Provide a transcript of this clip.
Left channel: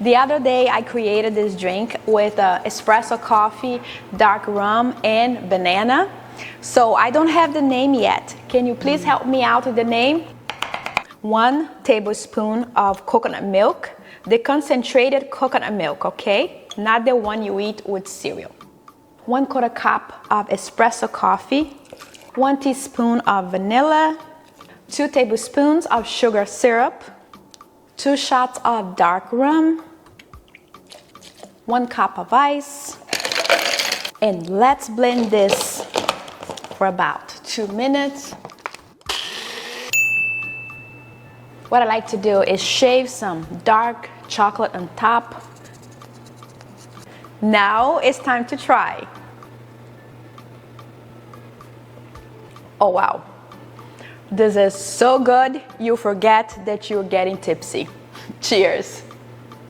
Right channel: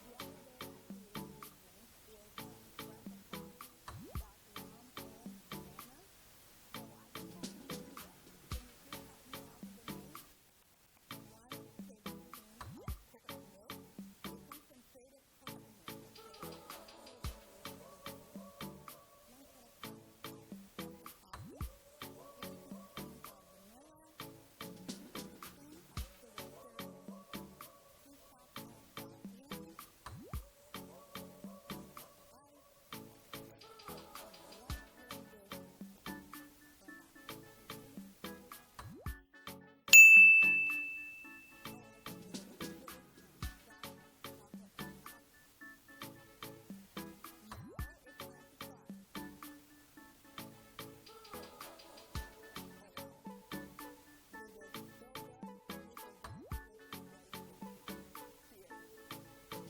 The other day I created this drink with espresso coffee, dark rum, and banana. So I don't have the name yet. Can you please help me out with the name? 1 tablespoon of coconut milk, the concentrated coconut milk, okay? Not the one you eat with cereal. 1/4 cup of espresso coffee, 1 teaspoon of vanilla, 2 tablespoons of sugar syrup, 2 shots of dark rum, 1 cup of ice, and let's blend this for about 2 minutes. What I like to do is shave some dark chocolate on top. Now it's time to try. Oh wow, this is so good you forget that you're getting tipsy. Cheers.